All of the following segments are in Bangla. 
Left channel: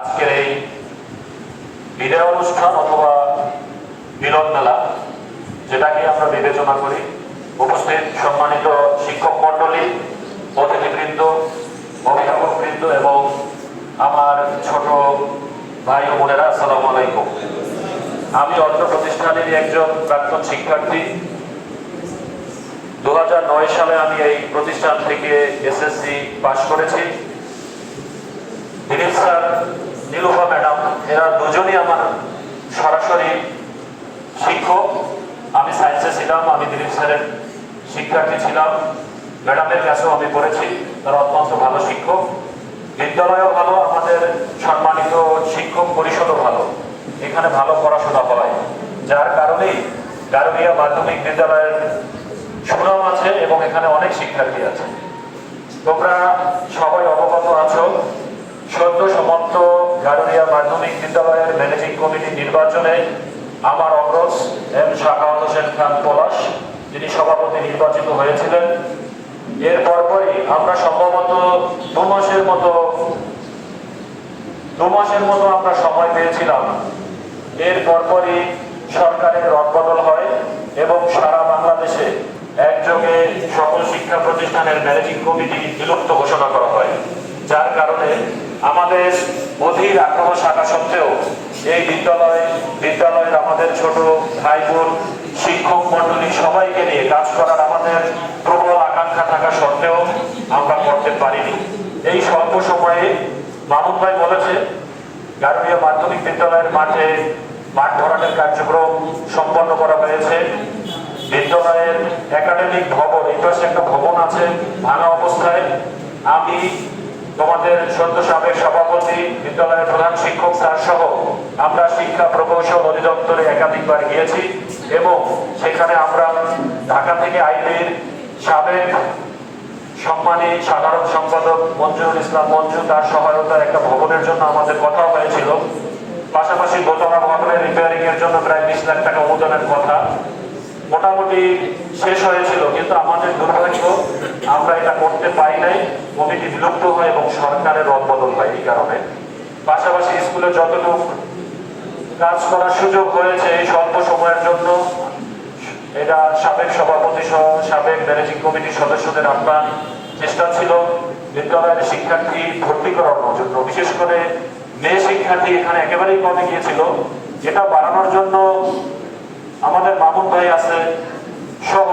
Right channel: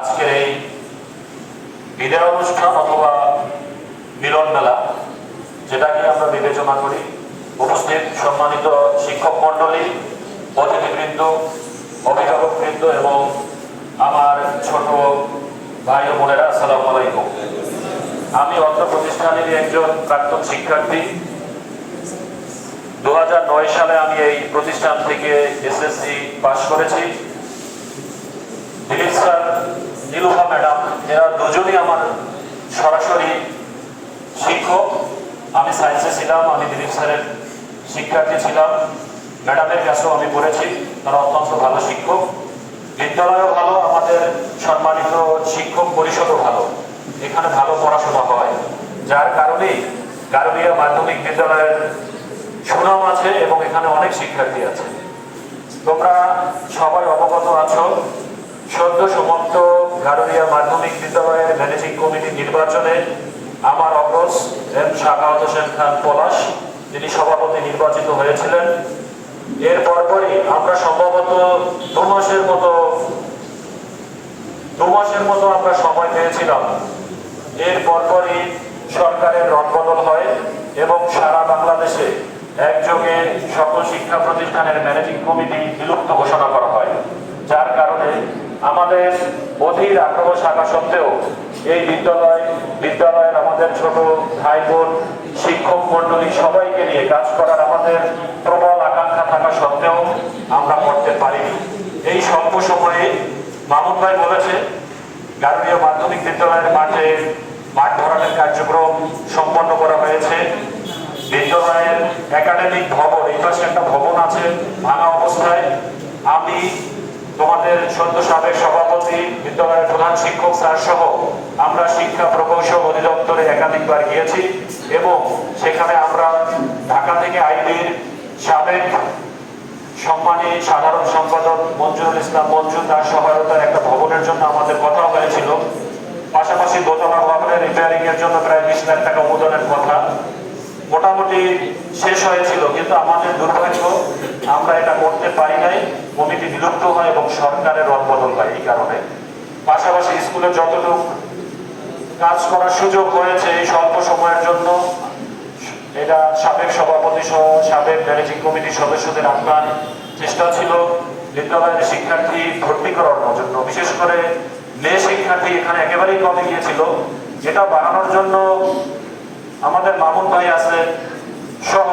আজকের এই বিদায় অনুষ্ঠান অথবা মিলন মেলা, যেটাকে আমরা বিবেচনা করি, উপস্থিত সম্মানিত শিক্ষক মন্ডলী, অতিথিবৃন্দ, অভিভাবকবৃন্দ এবং আমার ছোট ভাই ও বোনেরা, আসসালামু আলাইকুম। আমি অত্র প্রতিষ্ঠানেরই একজন প্রাক্তন শিক্ষার্থী। 2009 সালে আমি এই প্রতিষ্ঠান থেকে এসএসসি পাশ করেছি। দিলীপ স্যার, নীলুফা ম্যাডাম, এরা দুজনই আমার সরাসরি শিক্ষক। আমি সায়েন্সে ছিলাম, আমি দিলীপ স্যারের শিক্ষার্থী ছিলাম। ম্যাডামের কাছেও আমি পড়েছি, তারা অত্যন্ত ভালো শিক্ষক। বিদ্যালয়ও ভালো, আমাদের সম্মানিত শিক্ষক পরিষদও ভালো, এখানে ভালো পড়াশোনা হয়, যার কারণেই গারবিয়া মাধ্যমিক বিদ্যালয়ের সুনাম আছে এবং এখানে অনেক শিক্ষার্থী আছে। তোমরা সবাই অবগত আছো, সদ্য সমাপ্ত গারবিয়া মাধ্যমিক বিদ্যালয়ের ম্যানেজিং কমিটি নির্বাচনে আমার অগ্রজ এম শাহাদাত হোসেন খান পলাশ, যিনি সভাপতি নির্বাচিত হয়েছিলেন। এর পরপরই আমরা সম্ভবত দু মাসের মতো আমরা সময় পেয়েছিলাম। এর পরপরই সরকারের রদবদল হয় এবং সারা বাংলাদেশে একযোগে সকল শিক্ষা প্রতিষ্ঠানের ম্যানেজিং কমিটি বিলুপ্ত ঘোষণা করা হয়, যার কারণে আমাদের অধীর আগ্রহ থাকা সত্ত্বেও এই বিদ্যালয়ের আমাদের ছোট ভাই বোন, শিক্ষক মন্ডলী সবাইকে নিয়ে কাজ করার আমাদের প্রবল আকাঙ্ক্ষা থাকা সত্ত্বেও আমরা করতে পারিনি। এই স্বল্প সময়ে মামুন ভাই বলেছে, গারবিয়া মাধ্যমিক বিদ্যালয়ের মাঠ ভরাটের কার্যক্রম সম্পন্ন করা হয়েছে। বিদ্যালয়ের একাডেমিক ভবন, এই পাশে একটা ভবন আছে ভাঙা অবস্থায়। আমি, তোমাদের সদ্য সাবেক সভাপতি, বিদ্যালয়ের প্রধান শিক্ষক স্যার সহ আমরা শিক্ষা প্রকৌশল অধিদপ্তরে একাধিকবার গিয়েছি এবং সেখানে আমরা ঢাকা থেকে আইবির সাবেক সম্মানী সাধারণ সম্পাদক মঞ্জুরুল ইসলাম মঞ্জু, তার সহায়তার একটা ভবনের জন্য আমাদের কথা হয়েছিল। পাশাপাশি দোতলা ভবনের রিপেয়ারিং এর জন্য প্রায় 20 লাখ টাকা অনুদানের কথা মোটামুটি শেষ হয়েছিল, কিন্তু আমাদের দুর্ভাগ্য আমরা এটা করতে পারি নাই। কমিটি বিলুপ্ত হয় এবং সরকারের রদবদল হয় এই কারণে। পাশাপাশি স্কুলে যতটুকু কাজ করার সুযোগ হয়েছে এই স্বল্প সময়ের জন্য, এটা সাবেক সভাপতি সহ সাবেক ম্যানেজিং কমিটির সদস্যদের আহ্বান চেষ্টা ছিল বিদ্যালয়ের শিক্ষার্থী ভর্তি করানোর জন্য, বিশেষ করে মেয়ে শিক্ষার্থী এখানে একেবারেই কমে গিয়েছিল। এটা বাড়ানোর জন্য আমাদের মামুন ভাই আছে সহ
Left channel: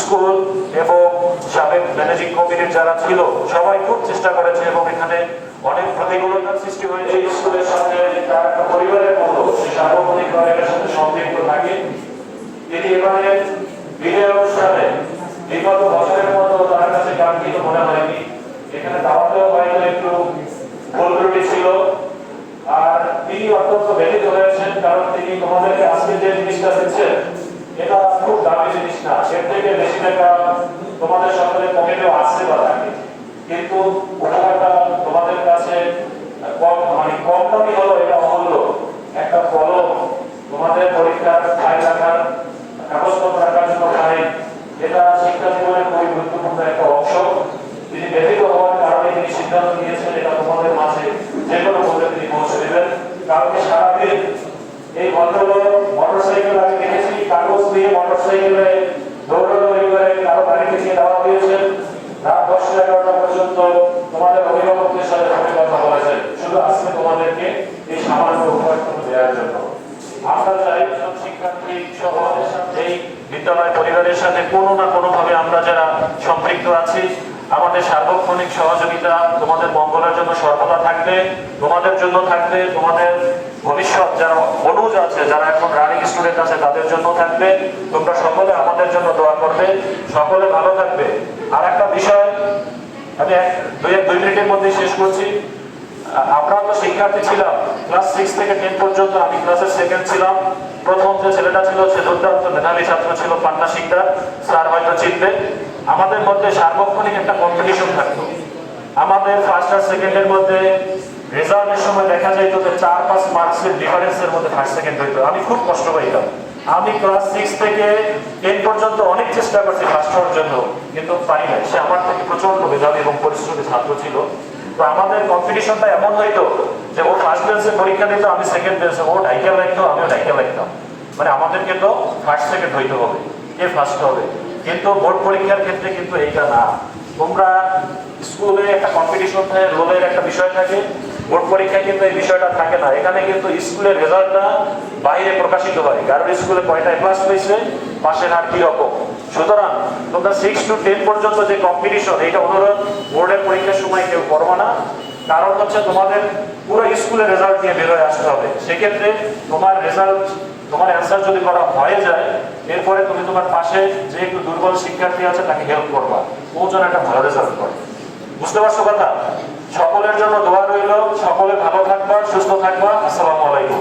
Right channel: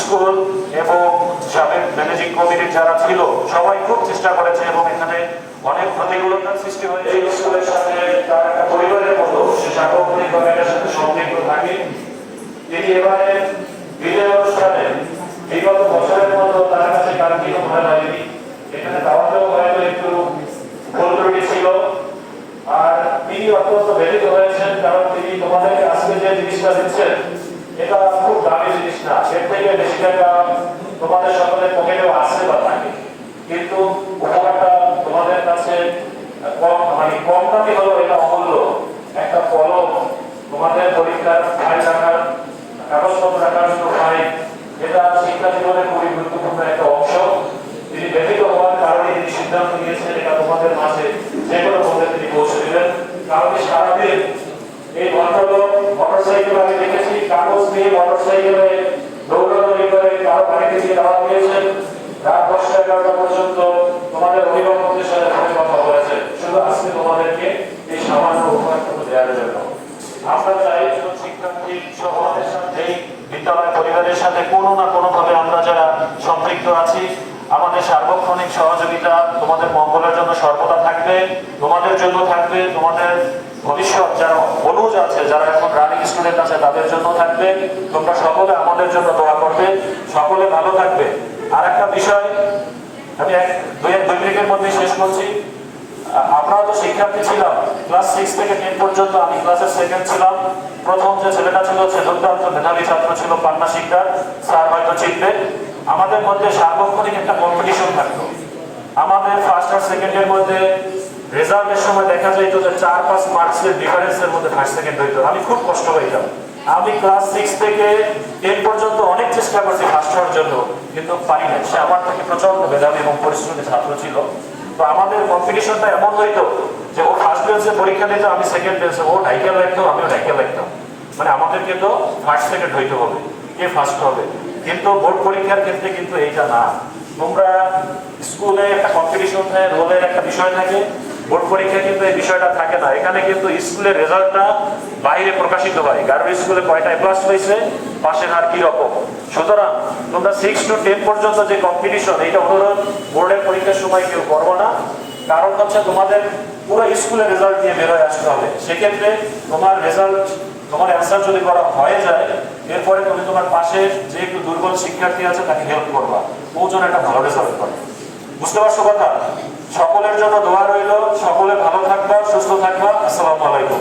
স্কুল এবং সাবেক ম্যানেজিং কমিটির যারা ছিল সবাই খুব চেষ্টা করেছে এবং এখানে অনেক প্রতিকূলতার সৃষ্টি হয়েছে। এই স্কুলের সাথে তার একটা পরিবারের মতো সার্বক্ষণিকভাবে এটার সাথে সম্পৃক্ত থাকে। তিনি এবারে বিদায় অনুষ্ঠানে বিগত বছরের মতো তার কাছে কাঙ্ক্ষিত মনে হয়নি। এখানে দাওয়াতেও হয়তো একটু ভুল ত্রুটি ছিল, আর তিনি অত্যন্ত ব্যথিত হয়েছেন, কারণ তিনি তোমাদেরকে আজকে যে জিনিসটা দিচ্ছেন এটা খুব দামি জিনিস না। এর থেকে বেশি টাকা তোমাদের সকলের পকেটেও আসতে বা থাকে, কিন্তু উপহারটা তোমাদের কাছে কম দামি হলো, এটা অমূল্য একটা কলম, তোমাদের পরীক্ষার ফাইল রাখার, কাগজপত্র রাখার জন্য ফাইল, এটা শিক্ষা জীবনের খুবই গুরুত্বপূর্ণ একটা অংশ। তিনি ব্যথিত হওয়ার কারণে তিনি সিদ্ধান্ত নিয়েছেন এটা তোমাদের মাঝে যে কোনো মূল্যে তিনি পৌঁছে দেবেন। কারণ সারাদিন এই ভদ্রলোক মোটরসাইকেল, আমি দেখেছি কাগজ দিয়ে মোটরসাইকেলে দৌড়াদৌড়ি করে কারো বাড়িতে গিয়ে দাওয়া দিয়েছেন, রাত 10-11টা পর্যন্ত তোমাদের অভিভাবকদের সাথে ফোনে কথা বলেছেন, শুধু আজকে তোমাদেরকে এই সামান্য উপহারটুকু দেওয়ার জন্য। আমরা চাই শিক্ষার্থী সহ এই বিদ্যালয় পরিবারের সাথে কোনো না কোনো ভাবে আমরা যারা সম্পৃক্ত আছি, আমাদের সার্বক্ষণিক সহযোগিতা তোমাদের মঙ্গলের জন্য সর্বদা থাকবে, তোমাদের জন্য থাকবে, তোমাদের ভবিষ্যৎ যারা অনুজ আছে, যারা এখন রানিং স্টুডেন্ট আছে তাদের জন্য থাকবে। তোমরা সকলে আমাদের জন্য দোয়া করবে, সকলে ভালো থাকবে। আর একটা বিষয় আমি 2 মিনিটের মধ্যে শেষ করছি। আমরা তো শিক্ষার্থী ছিলাম ক্লাস 6 থেকে 10 পর্যন্ত, আমি ক্লাসের সেকেন্ড ছিলাম। প্রথম যে ছেলেটা ছিল সে দুর্দান্ত মেধাবী ছাত্র ছিল, পান্না শিকদার, স্যার হয়তো চিনবে। আমাদের মধ্যে সার্বক্ষণিক একটা কম্পিটিশন থাকতো। আমাদের ফার্স্ট আর সেকেন্ডের মধ্যে রেজাল্টের সময় দেখা যায় যে 4-5 মার্কসের ডিফারেন্সের মধ্যে ফার্স্ট সেকেন্ড হইতো। আমি খুব কষ্ট পাইতাম। আমি ক্লাস 6 থেকে 10 পর্যন্ত অনেক চেষ্টা করছি ফার্স্ট হওয়ার জন্য, কিন্তু পারি না। সে আমার থেকে প্রচন্ড মেধাবী এবং পরিশ্রমী ছাত্র ছিল। তো আমাদের কম্পিটিশনটা এমন হইতো যে ও ফার্স্ট বেঞ্চে পরীক্ষা দিত, আমি সেকেন্ড বেঞ্চে, ও ঢাইকা লাগতো, আমিও ঢাইকা লাগতাম। মানে আমাদেরকে তো ফার্স্ট সেকেন্ড হইতে হবে, কে ফার্স্ট হবে। কিন্তু বোর্ড পরীক্ষার ক্ষেত্রে কিন্তু এইটা না। তোমরা স্কুলে একটা কম্পিটিশন থাকে, রোলের একটা বিষয় থাকে, বোর্ড পরীক্ষায় কিন্তু এই বিষয়টা থাকে না। এখানে কিন্তু স্কুলের রেজাল্টটা বাইরে প্রকাশিত হয়, কারণ স্কুলে কয়টা ক্লাস হয়েছে, পাশের হার কি রকম। সুতরাং তোমরা 6 to 10 পর্যন্ত যে কম্পিটিশন, এইটা অনুরোধ বোর্ডের পরীক্ষার সময় কেউ করবা না। কারণ হচ্ছে তোমাদের পুরো স্কুলের রেজাল্ট নিয়ে বেরোয় আসতে হবে। সেক্ষেত্রে তোমার রেজাল্ট, তোমার অ্যান্সার যদি করা হয়ে যায়, এরপরে তুমি তোমার পাশে যে একটু দুর্বল শিক্ষার্থী আছে তাকে হেল্প করবা, ও যেন একটা ভালো রেজাল্ট করে। বুঝতে পারছো কথা? সকলের জন্য দোয়া রইল, সকলে ভালো থাকবা, সুস্থ থাকবা। আসসালামু আলাইকুম।